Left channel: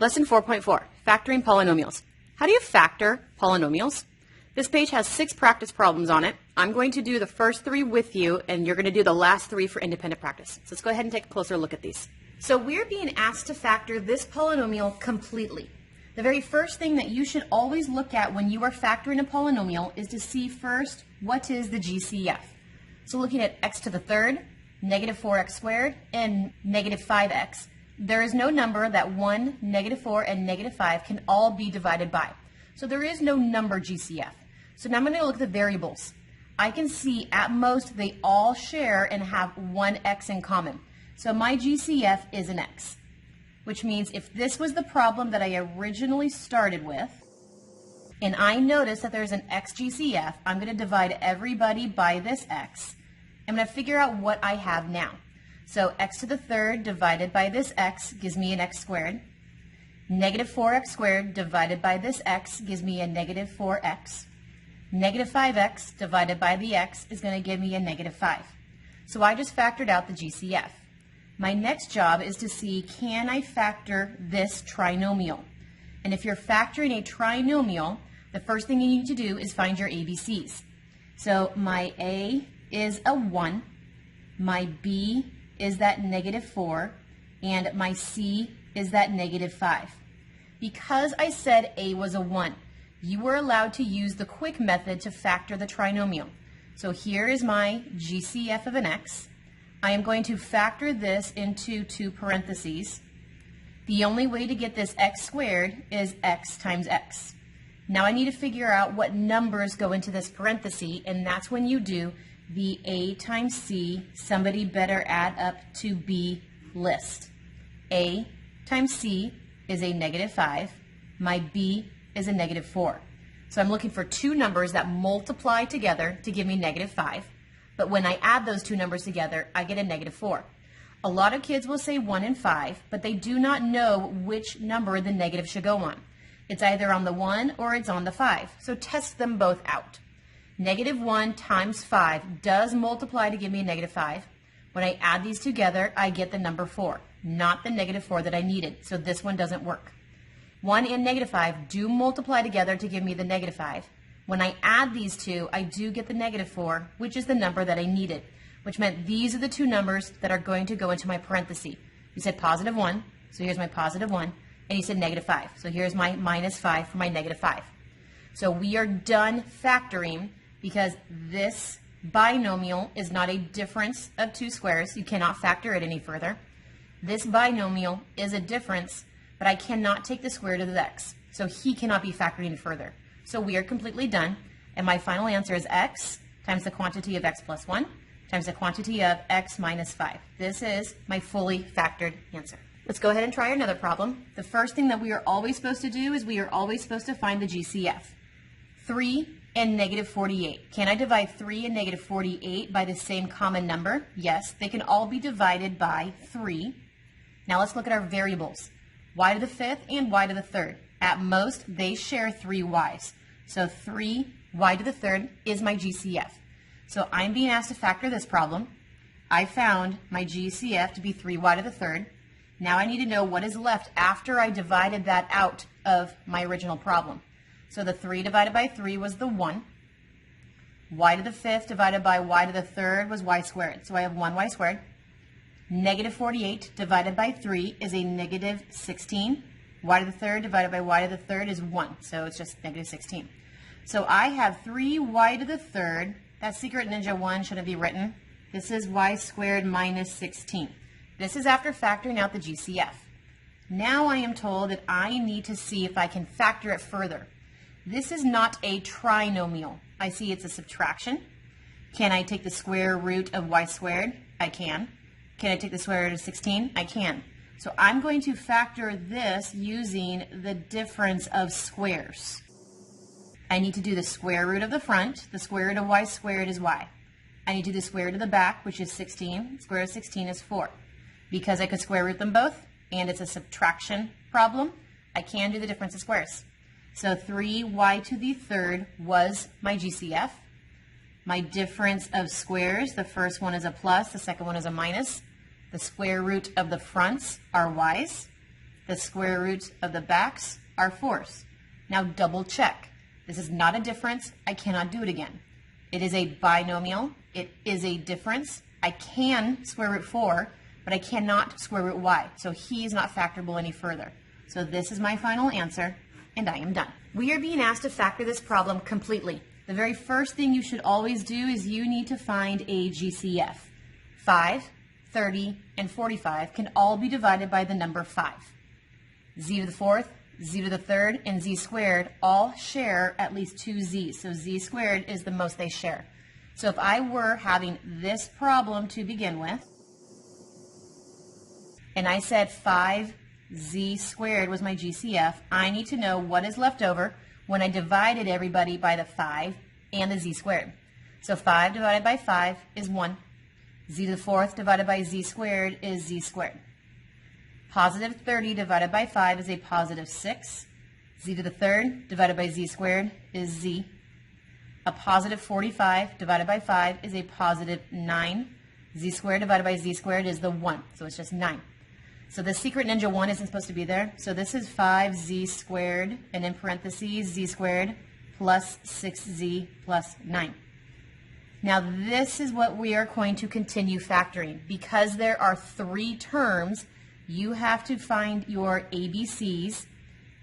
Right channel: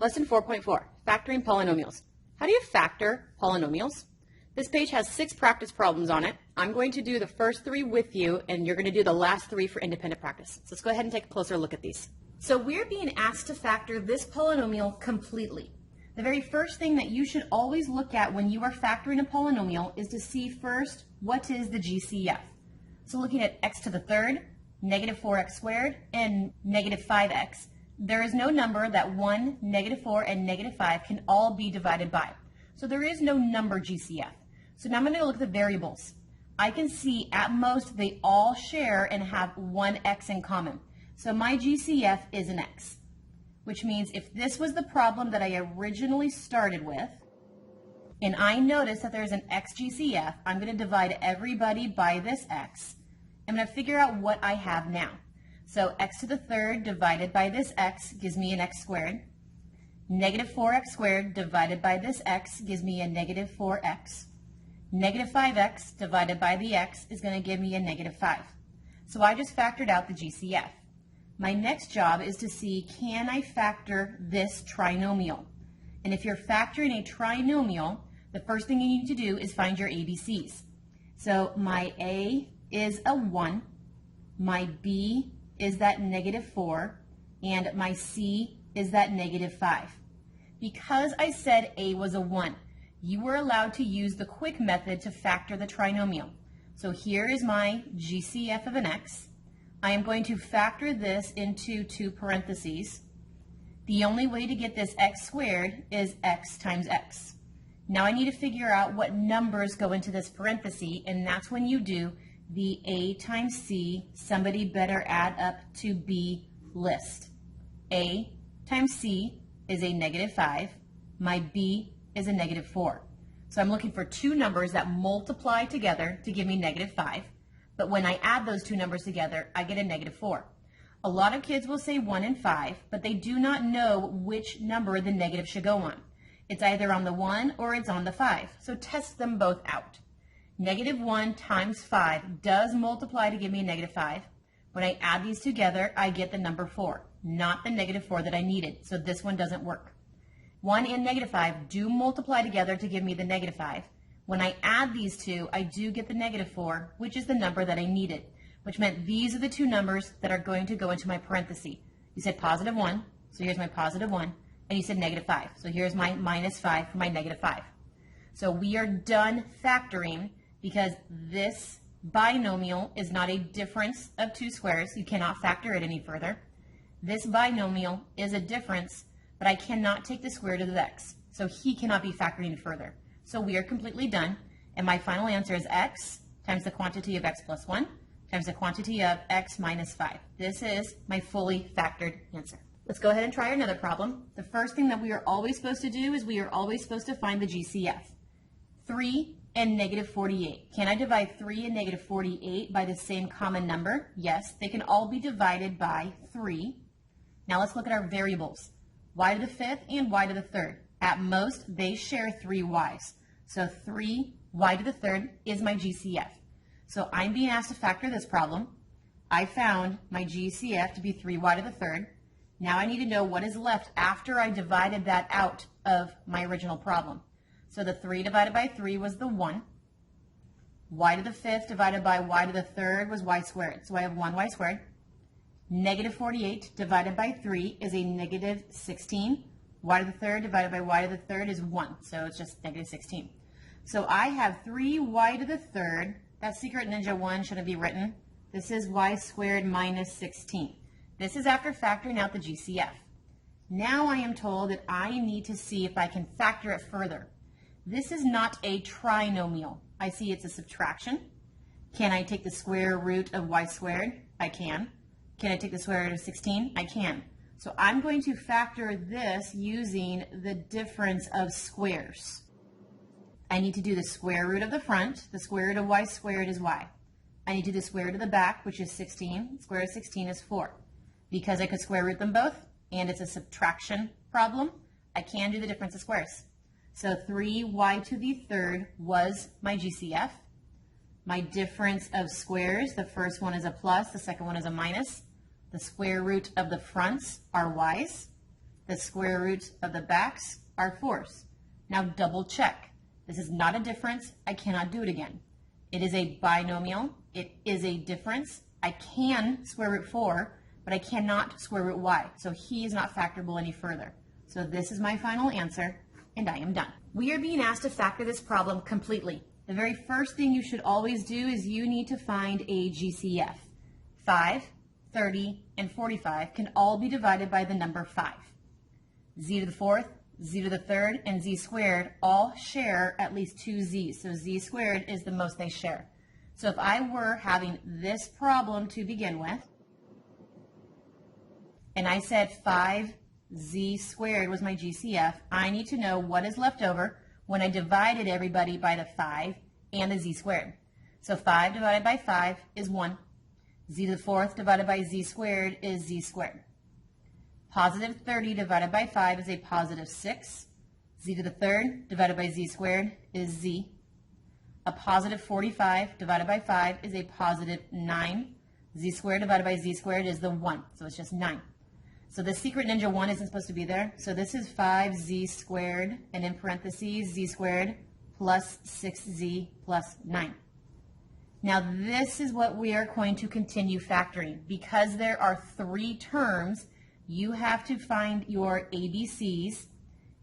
Lesson 4.4, Factoring Polynomials. How do you factor polynomials? This page has 6 practice problems on it. I'm going to do the first 3 with you, and you're going to do the last 3 for independent practice. So let's go ahead and take a closer look at these. So we're being asked to factor this polynomial completely. The very first thing that you should always look at when you are factoring a polynomial is to see first, what is the GCF? So looking at x to the third, negative 4x squared, and negative 5x, there is no number that 1, negative 4, and negative 5 can all be divided by. So there is no number GCF. So now I'm going to look at the variables. I can see at most they all share and have one x in common. So my GCF is an x, which means if this was the problem that I originally started with, and I notice that there's an x GCF, I'm going to divide everybody by this x. I'm going to figure out what I have now. So x to the third divided by this x gives me an x squared. Negative 4x squared divided by this x gives me a negative 4x. Negative 5x divided by the x is going to give me a negative 5. So I just factored out the GCF. My next job is to see, can I factor this trinomial? And if you're factoring a trinomial, the first thing you need to do is find your ABCs. So my A is a 1, my B is that negative 4, and my C is that negative 5. Because I said A was a 1, you were allowed to use the quick method to factor the trinomial. So here is my GCF of an x. I am going to factor this into 2 parentheses. The only way to get this x squared is x times x. Now I need to figure out what numbers go into this parenthesis, and that's when you do the A times C, somebody better add up to B list. A times C is a negative 5. My B is a negative 4. So I'm looking for 2 numbers that multiply together to give me negative 5. But when I add those 2 numbers together, I get a negative 4. A lot of kids will say 1 and 5, but they do not know which number the negative should go on. It's either on the 1 or it's on the 5. So test them both out. Negative 1 times 5 does multiply to give me a negative 5. When I add these together, I get the number 4, not the negative 4 that I needed. So this one doesn't work. 1 and negative 5 do multiply together to give me the negative 5. When I add these 2, I do get the negative 4, which is the number that I needed, which meant these are the 2 numbers that are going to go into my parenthesis. You said positive 1, so here's my positive 1, and you said negative 5. So here's my minus 5 for my negative 5. So we are done factoring because this binomial is not a difference of 2 squares. You cannot factor it any further. This binomial is a difference, but I cannot take the square root of x. So he cannot be factored any further. So we are completely done, and my final answer is x times the quantity of x plus 1 times the quantity of x minus 5. This is my fully factored answer. Let's go ahead and try another problem. The first thing that we are always supposed to do is we are always supposed to find the GCF. 3 and negative 48. Can I divide 3 and negative 48 by the same common number? Yes, they can all be divided by 3. Now let's look at our variables. Y to the 5th and y to the 3rd. At most, they share 3 y's. So 3y to the 3rd is my GCF. So I'm being asked to factor this problem. I found my GCF to be 3y to the 3rd. Now I need to know what is left after I divided that out of my original problem. So the 3 divided by 3 was the 1. Y to the 5th divided by y to the 3rd was y squared. So I have 1y squared. Negative 48 divided by 3 is a negative 16. Y to the 3rd divided by y to the 3rd is 1. So it's just negative 16. So I have 3y to the 3rd. That secret ninja 1 shouldn't be written. This is y squared minus 16. This is after factoring out the GCF. Now I am told that I need to see if I can factor it further. This is not a trinomial. I see it's a subtraction. Can I take the square root of y squared? I can. Can I take the square root of 16? I can. So I'm going to factor this using the difference of squares. I need to do the square root of the front. The square root of y squared is y. I need to do the square root of the back, which is 16. Square root of 16 is 4. Because I could square root them both, and it's a subtraction problem, I can do the difference of squares. So 3y to the 3rd was my GCF. My difference of squares, the first one is a plus, the second one is a minus. The square root of the fronts are y's. The square roots of the backs are 4s. Now double check. This is not a difference. I cannot do it again. It is a binomial. It is a difference. I can square root 4, but I cannot square root y. So he is not factorable any further. So this is my final answer, and I am done. We are being asked to factor this problem completely. The very first thing you should always do is you need to find a GCF. 5, 30, and 45 can all be divided by the number 5. Z to the 4th, z to the 3rd, and z squared all share at least 2 z's. So z squared is the most they share. So if I were having this problem to begin with, and I said 5z squared was my GCF, I need to know what is left over when I divided everybody by the 5 and the z squared. So 5 divided by 5 is 1. Z to the 4th divided by z squared is z squared. Positive 30 divided by 5 is a positive 6. Z to the 3rd divided by z squared is z. A positive 45 divided by 5 is a positive 9. Z squared divided by z squared is the 1, so it's just 9. So the secret ninja 1 isn't supposed to be there. So this is 5z squared, and in parentheses, z squared plus 6z plus 9. Now this is what we are going to continue factoring. Because there are 3 terms, you have to find your ABCs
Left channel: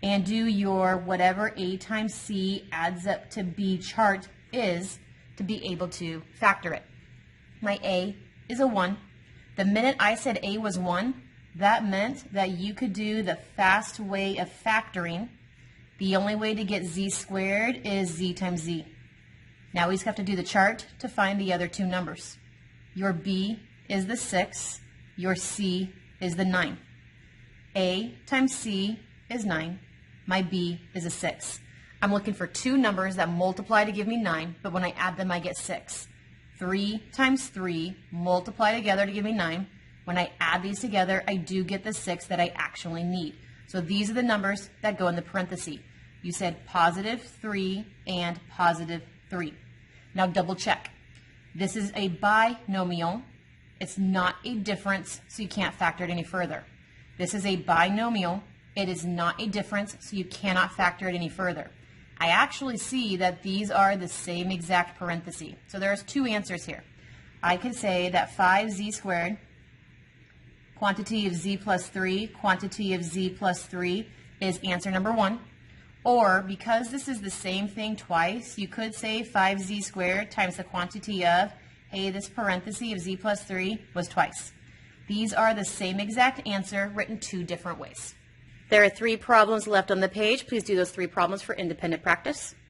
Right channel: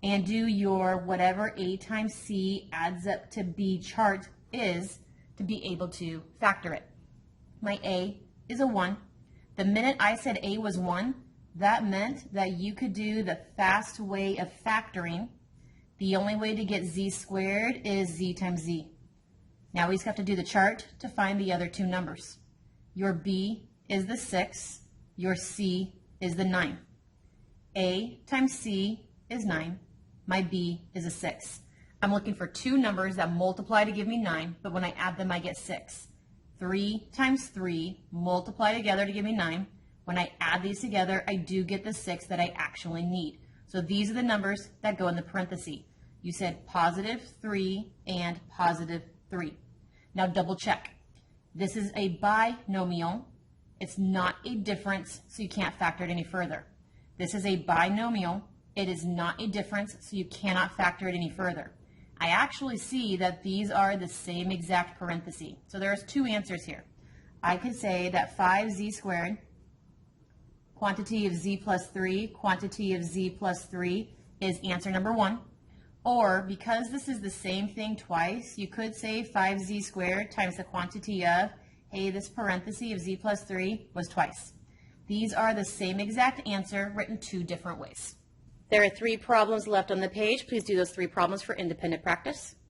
and do your whatever A times C adds up to B chart is to be able to factor it. My A is a 1. The minute I said A was 1, that meant that you could do the fast way of factoring. The only way to get z squared is z times z. Now we just have to do the chart to find the other 2 numbers. Your B is the 6. Your C is the 9. A times C is 9. My B is a 6. I'm looking for 2 numbers that multiply to give me 9, but when I add them, I get 6. 3 times 3 multiply together to give me 9. When I add these together, I do get the 6 that I actually need. So these are the numbers that go in the parentheses. You said positive 3 and positive 3. Now double check. This is a binomial. It's not a difference, so you can't factor it any further. This is a binomial. It is not a difference, so you cannot factor it any further. I actually see that these are the same exact parenthesis. So there's 2 answers here. I could say that 5z squared, quantity of z plus 3, quantity of z plus 3 is answer number 1. Or, because this is the same thing twice, you could say 5z squared times the quantity of, hey, this parenthesis of z plus 3 was twice. These are the same exact answer written 2 different ways. There are 3 problems left on the page. Please do those 3 problems for independent practice.